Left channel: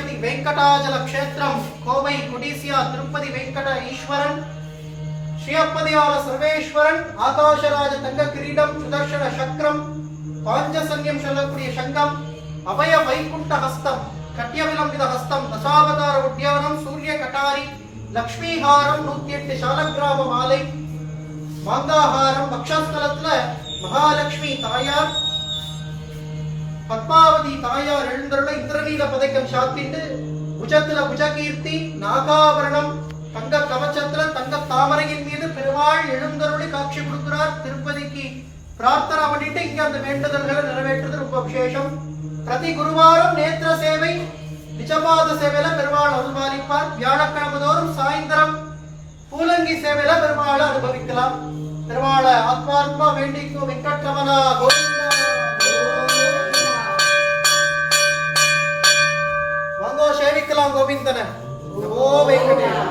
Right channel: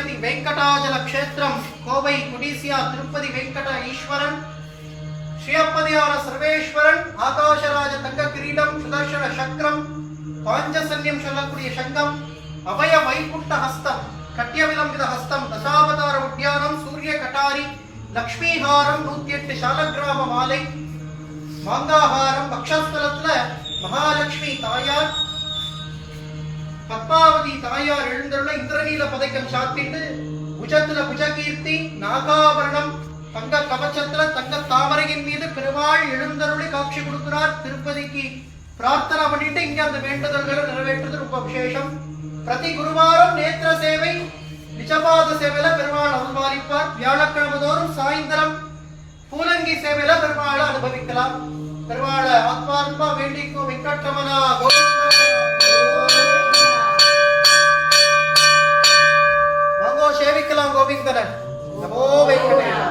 திருப்பதி வெங்கடாஜல கஷேத்திரம் கோவை குடிசியா திருப்பதி வெங்கட ஈஸ்வரன் ஸ்ரீயப்பதியான சர்வேஸ்வரன் ஆகாஷராஜ தங்க கிரீடம் சுதர்ஷன சக்கரம் பாஞ்சசன்யம் சொல்லக்கூடிய சங்கம் அபய வைகுண்ட ஹஸ்தம் கட்டிய விலம்பித ஹஸ்தம் தசாவதார உத்தியானம் சூரிய கட்டாரி லக்ஷ்மிஹாரம் 108 சாலக்கிராம மாலை மாங்காஹாரம் பக்ஷஸ்தலத்துல மகாலட்சுமி தாயார் பத்மாவதி தாயார் எழுந்தருள இந்திரநீல பதக்கம் சாத்திட்டு புஜத்துல புஜகீர்த்தி நாகாபரணம் தங்க கவச்சத்துல தங்க தாமரையின் மீது பெருமாள் எழுந்தருளி காட்சி கொடுக்கிறார். திருப்பதிக்கு பிரார்த்தனை பண்ணிட்டு இங்க அந்த வேண்டுதல்களை நிறைவேற்றுறது ரொம்ப விசேஷம். பிரதி குருவாரம் நேத்திர சேவை நிஜபாத சேவையில பெருமாள் அருள்பாலிப்பார். வியாழக்கிழமை தோறும் சாயந்தரம் பூலங்கி சேவையில பெருமாளை அனுபவிக்கலாம். பெருமாளை ஆத்மாத்மா வேண்டிக்கும் வெங்கட்ரமணா கோவிந்தா. வாங்கோ சேவிக்கலாம் கோவிந்தன. நமோ வெங்கடேஷ்.